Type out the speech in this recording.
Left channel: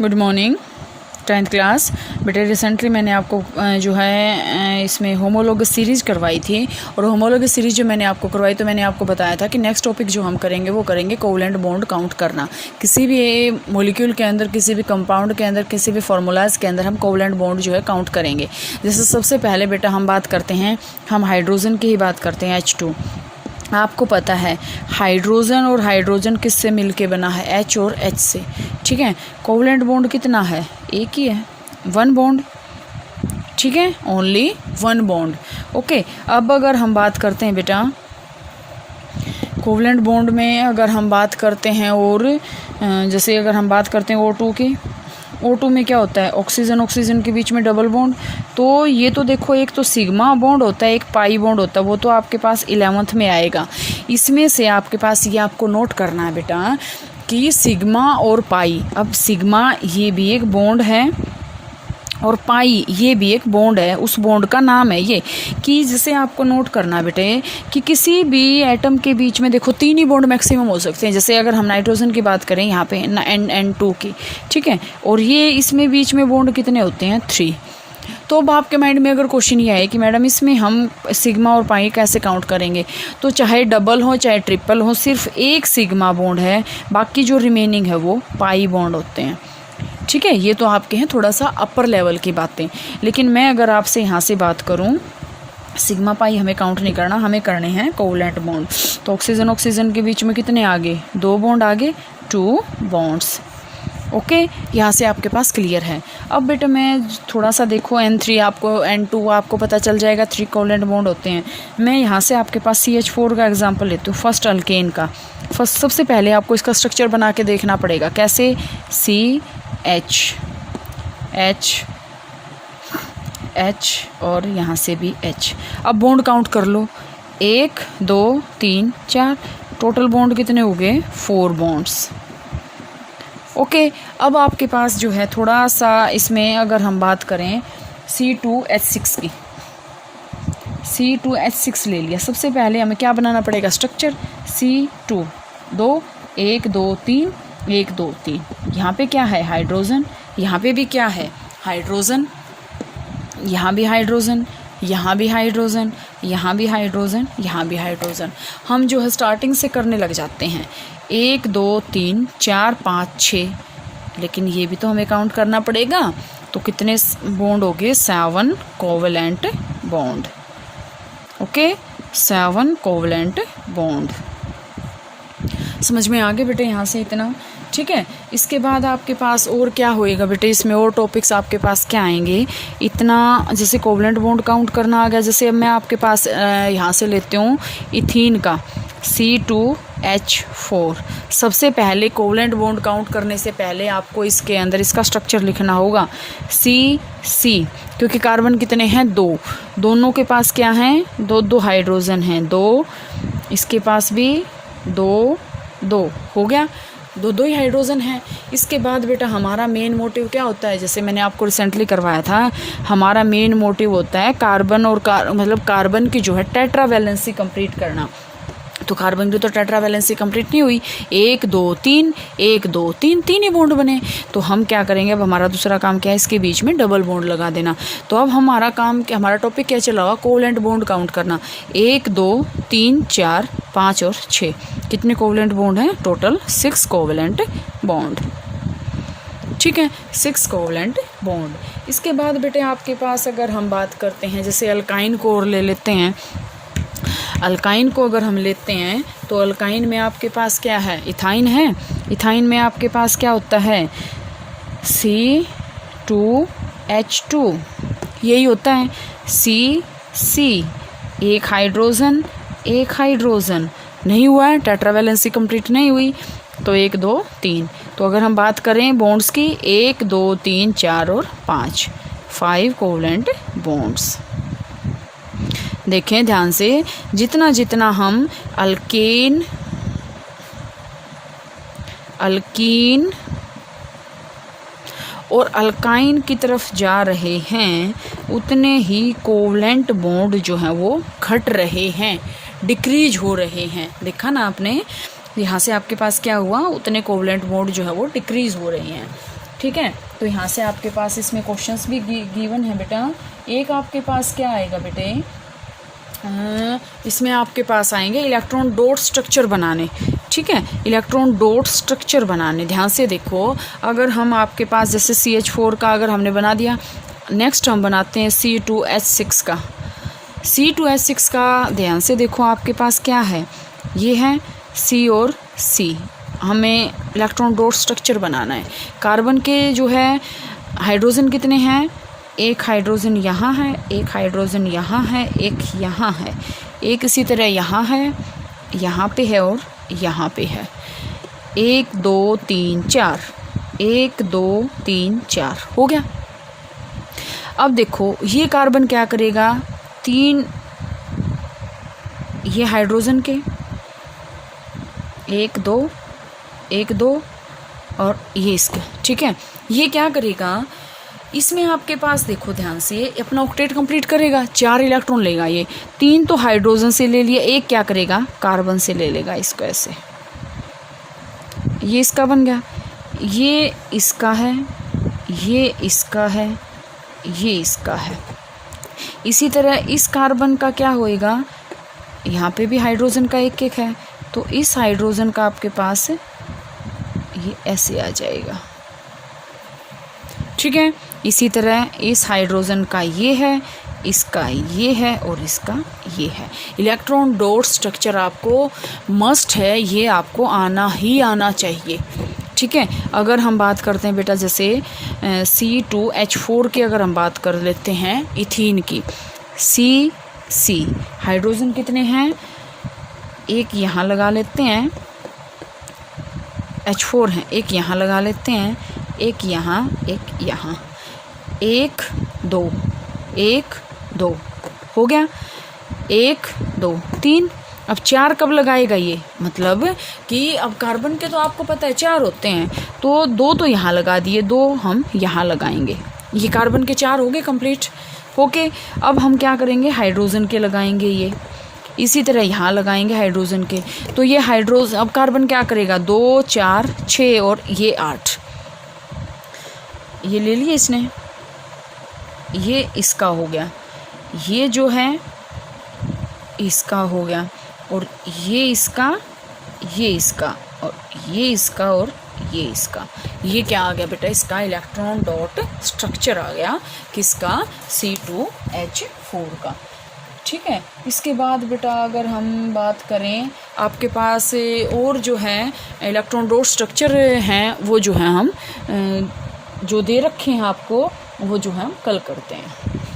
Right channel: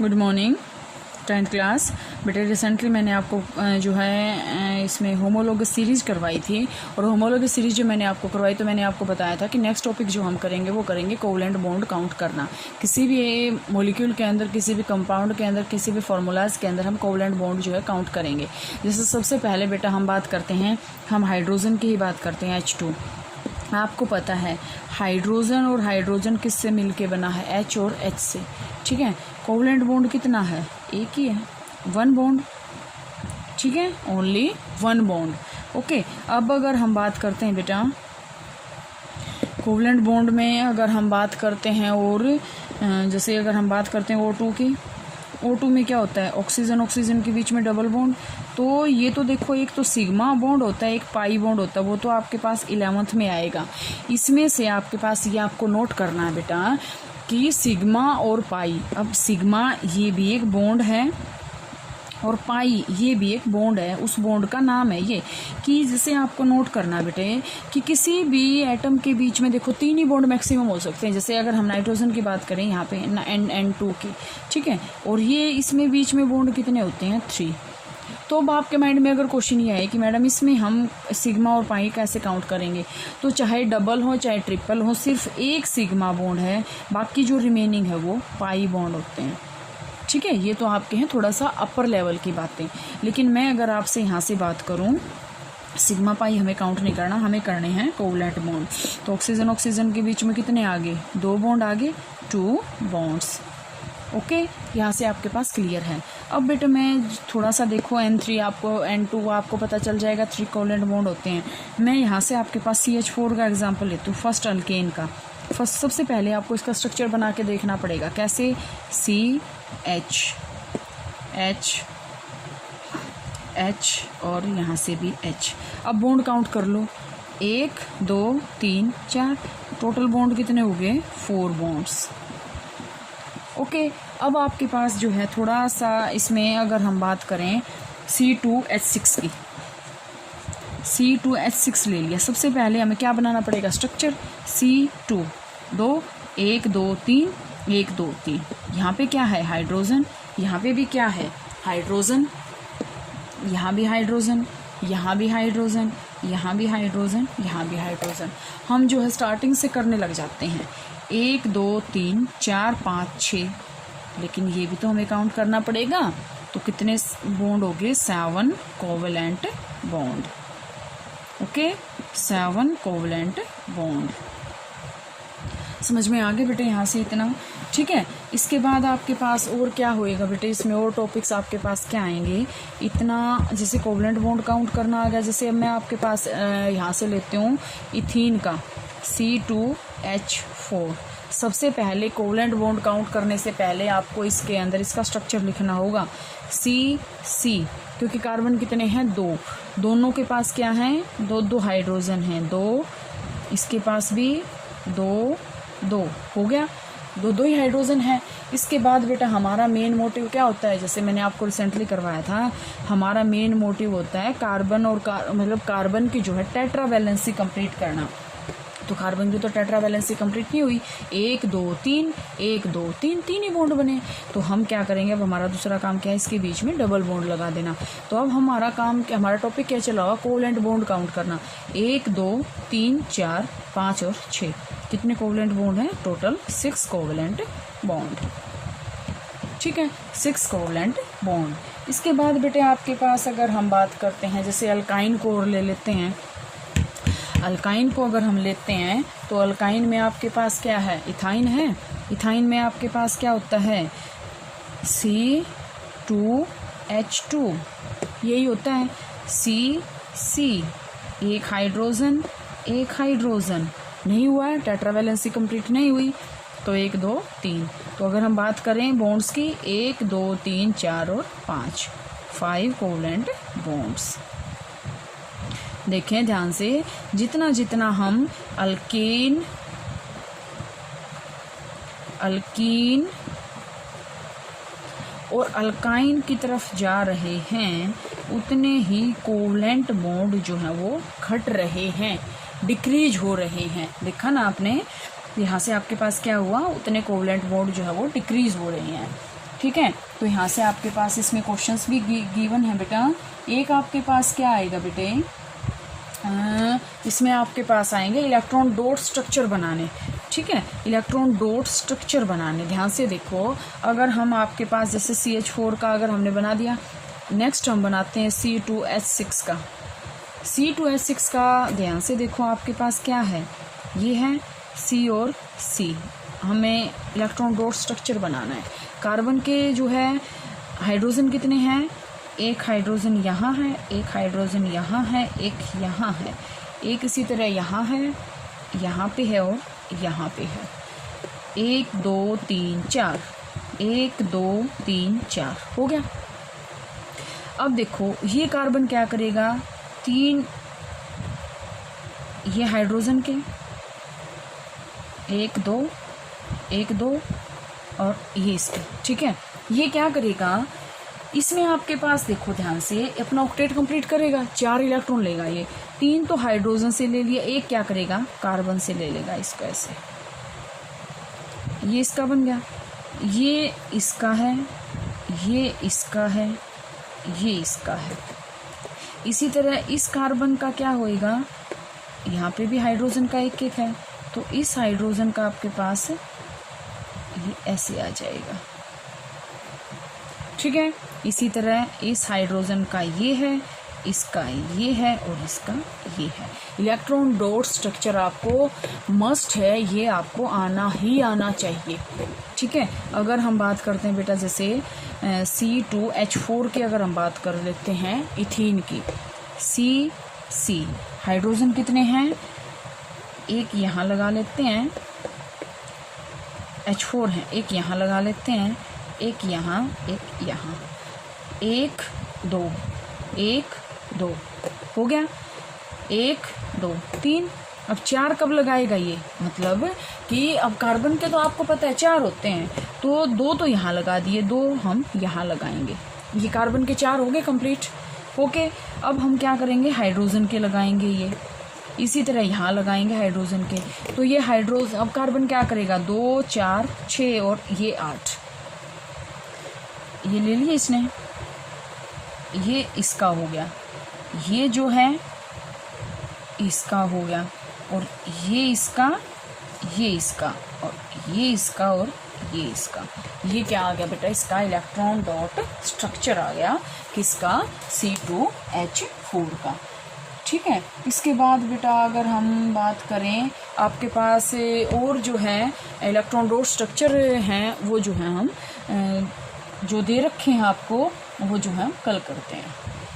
Good morning 10th class. बेटे recently मैंने आपको जो है इसमें होमोलॉगस सीरीज़ करवाई थी, और होमोलॉगस सीरीज़ जो मैंने आपको करवाई तो मैंने आपको बताया था कि नेक्स्ट टॉपिक जो हम करेंगे वो करेंगे कोवलेंट बॉन्ड काउंट करना। किसी भी मॉलिक्यूल के अंदर, किसी भी कंपाउंड के अंदर, किसी भी फार्मूलाज के अंदर हम कोवलेंट बॉन्ड जो है काउंट करेंगे। जैसे सबसे पहले बेटा हम बात करते हैं, हम हाइड्रोजन की ही बात करते हैं, H2। आपको पता है हाइड्रोजन और हाइड्रोजन किससे मिलके बना है? H और H से। ठीक है, कोवलेंट बॉन्ड कितना है? एक ही है, 1 बॉन्ड। ठीक है, ओनली 1 बॉन्ड। ओके, अब अगर हम बात करते हैं बेटा कोवलेंट बॉन्ड में, अगर हम बात करते हैं और जैसे अगर हम बात करते हैं O2 की, O2 में क्या होता है? ऑक्सीजन ऑक्सीजन के बीच में डबल बॉन्ड। तो ये तो देखो, एक तो सिग्मा बॉन्ड होता है, एक पाई बॉन्ड होता है, वो तो आपके पास 11th में आएगा। इसमें से आपके पास ये आपको नोट करना है बेटा कि सिग्मा और पाई, अब सिग्मा ये भी एक बॉन्ड है और पाई ये भी एक बॉन्ड है, उस बॉन्ड का नाम है ये। कि जिसे आपको नोट करना है बेटे कि किसी भी एटम के बीच में देखो 3 ही बॉन्ड मैक्सिमम हो सकते हैं। जैसे अगर हम नाइट्रोजन की बात करें यहाँ पे N2 की, ठीक है, और ये इसमें बीच में बॉन्ड कितने होते हैं? 3। तो अब आपके माइंड में अगर क्वेश्चन ये आए कि मैडम इसमें हम सिग्मा और पाई कैसे काउंट करेंगे, तो चाहे डबल हो चाहे ट्रिपल हो, सिर्फ एक सिग्मा बॉन्ड है, बाकी जो रिमेनिंग है वो पाई बॉन्ड होते हैं। ठीक है, ये तो आपके हैं थोड़ा सा अपर लेवल की बातें। लेकिन मैं अगर आपसे यहाँ से बात करूँ, सिग्मा पाई हमें काउंट नहीं करना, हमें करने हैं कोवलेंट बॉन्ड। तो ऑक्सीजन ऑक्सीजन के बीच में कितने आगे? 2 बॉन्ड आगे, 2 बॉन्ड्स। ओके, यहाँ से आपके पास क्लियर है। अब बेटा मैं थोड़ा सा देखो N3 आपको, N2 आपको पता चल जाएगा 3 कोवलेंट बॉन्ड होते हैं। मैं यहाँ से आपके पास CH4 का एग्जांपल लेती हूँ, फर्स्ट अल्केन का। फर्स्ट सबसे पहले आपको इसका स्ट्रक्चर बना के देखना पड़ेगा। कैसे? CH और यहाँ से भी H। अब बॉन्ड काउंट कर लो, 1 2 3 4, टोटल बॉन्ड कितने हो गए? 4 बॉन्ड्स। ओके, अब आपके पास जो है थोड़ा सा इसमें अगर हम बात करें C2H6 की, C2H6 ले लिया। सबसे पहले हमें क्या बनाना पड़ेगा? Structure C2, 2 1 2 3 1 2 3। यहाँ पे क्या है? हाइड्रोजन। यहाँ पे भी क्या है? हाइड्रोजन। यहाँ भी हाइड्रोजन, यहाँ भी हाइड्रोजन, यहाँ भी हाइड्रोजन, यहाँ भी हाइड्रोजन। हम जो है स्टार्टिंग से करने लग जाते हैं, 1 2 3 4 5 6, लेकिन ये भी तो हमें काउंट करना पड़ेगा। तो कितने बॉन्ड हो गए? 7 covalent bond. Okay, 7 covalent bond. समझ में आ गए बेटे यहाँ से इतना? ठीक है, इसके बाद आपके पास और क्या होएगा बेटे? इसमें और टॉपिक्स आपके पास क्या आएंगे? इतना जैसे कोवलेंट बॉन्ड काउंट करना आ गया। जैसे अब मैं आपके पास यहाँ से लेती हूँ इथीन का, C2H4। सबसे पहले कोवलेंट बॉन्ड काउंट करने से पहले आपको इसके अंदर इसका स्ट्रक्चर लिखना होगा, C क्योंकि कार्बन कितने हैं? 2। दोनों के पास क्या हैं? 2 हाइड्रोजन हैं, 2 इसके पास भी 2 हो गया, 2 ही हाइड्रोजन है। इसके बाद बेटा हमारा मेन मोटिव क्या होता है? जैसे मैंने आपको रिसेंटली करवाया था, हमारा मेन मोटिव होता है कार्बन और मतलब कार्बन की जो है टेट्रा वैलेंसी कंप्लीट करना। तो कार्बन की तो टेट्रा वैलेंसी कंप्लीट नहीं हुई, 1 2 3 1 2 3 3 ही बॉन्ड बने। तो हम क्या करेंगे? अब हमारा दूसरा काम क्या है? इसके बीच में डबल बॉन्ड लगा देना। तो अब हमारा काम, हमारा टॉपिक क्या चला हुआ? कोवलेंट बॉन्ड काउंट करना। 1 2 3 4 5 और 6, कितने कोवलेंट बॉन्ड हैं? Total 6 covalent bond. ठीक है, 6 कोवलेंट बॉन्ड। इसके बाद बेटे आपके पास अगर हम बात करते हैं, जैसे अल्काइन को और ले लेते हैं। अल्काइन को अगर हम लेते हैं तो अल्काइन में आपके पास क्या है? इथाइन है। इथाइन में आपके पास क्या होता है? C2H2, यही होता है। C एक हाइड्रोजन, एक हाइड्रोजन नहीं हुआ है, टेट्रा वैलेंसी कंप्लीट नहीं हुई। तो 1 2 3। तो अगर हम बात करें बॉन्ड्स की, 1 2 3 4 और 5 कोवलेंट बॉन्ड्स। देखें ध्यान से, जितना जितना हम अल्कीन और अल्काइन की तरफ जा रहे हैं, उतने ही कोवलेंट बॉन्ड जो हैं वो घट रहे हैं, डिक्रीज हो रहे हैं। देखा ना आपने? यहाँ से आपके पास क्या हुआ? उतने कोवलेंट बॉन्ड जो है वो डिक्रीज हो रहे हैं। ठीक है। तो यहाँ से आपके पास इसमें क्वेश्चंस भी गिवन है बेटा। एक आपके पास क्या आएगा बेटे, इसमें आपके पास आएंगे इलेक्ट्रॉन डॉट स्ट्रक्चर बनाने, ठीक है, इलेक्ट्रॉन डॉट स्ट्रक्चर बनाने। ध्यान से देखो, अगर हम आपके पास जैसे CH4 का अगर हमने बना दिया, नेक्स्ट हम बनाते हैं C2H6 का। C2H6 का ध्यान से देखो आपके पास क्या है, ये है C और C। हमें इलेक्ट्रॉन डॉट स्ट्रक्चर बनाना है। कार्बन के जो है हाइड्रोजन कितने हैं, एक हाइड्रोजन यहाँ है, एक हाइड्रोजन यहाँ है, एक यहाँ है, एक इसी तरह यहाँ है, यहाँ पे है और यहाँ पे है। 1 2 3 4, 1 2 3 4 हो गया। अब देखो ये कार्बन क्या करेगा, 3 ये हाइड्रोजन के 1 2 1 2 और ये इसके, ठीक है। ये क्या करेगा, इसमें आपके पास देखो ध्यान से अपना ऑक्टेट कंप्लीट करेगा, 4 इलेक्ट्रॉन लेगा। ये 3 तो हाइड्रोजन से ले लिया, एक क्या करेगा, कार्बन से ले लेगा इसको ऐसे। ये इसका बन गया, ये इसका है, ये इसका है, ये इसका है। इसी तरह इस कार्बन का क्या होएगा, यहाँ पे भी हाइड्रोजन का एक एक है, तो इस हाइड्रोजन का आपके पास ये ऐसे आ जाएगा, ठीक है। इसी तरह इस हाइड्रोजन का ये है, इसका ये है और इसका ये है। इलेक्ट्रॉन डॉट स्ट्रक्चर आपको मस्ट है, ये आपको आना ही आना चाहिए, ठीक है। अगर हम बात करते हैं बेटा जैसे C2H4 की अगर हम बात कर लेते हैं इथीन की, C हाइड्रोजन कितने हैं, एक यहाँ लगा लेते हैं, H4 है, एक यहाँ लगा लेते हैं, एक यहाँ, एक यहाँ, 1 2 1 2 हो गया, 1 2 3। अब 4 कब लगाएगा ये, मतलब कि अब कार्बन के तो आपको पता है 4 होते हैं, तो 2 तो यहाँ लगा दिए, 2 हम यहाँ लगाएंगे। ये कार्बन के 4 हो गए कंप्लीट। ओके, अब हम क्या करेंगे, हाइड्रोजन के लगाएंगे, ये इसी तरह यहाँ लगाएंगे हाइड्रोजन के। तो ये हाइड्रोजन, अब कार्बन क्या करेगा, 2 4 6 और ये 8, ये ले लिए इसने, ये इसका हो गया, ये जो है इसका हो गया, और ये इसका, ये इसका, और ये इसका, और ये इसका। ये क्या आ गया बेटा, इसका इलेक्ट्रॉन डॉट स्ट्रक्चर आ गया, किसका, C2H4 का, ठीक है। इसके बाद बेटा अगर हम बात करें आपके पास और जो है इलेक्ट्रॉन डॉट स्ट्रक्चर हैं, वो जो है हम जो दे रखे हैं आपको, वो जो है हम कल करते हैं।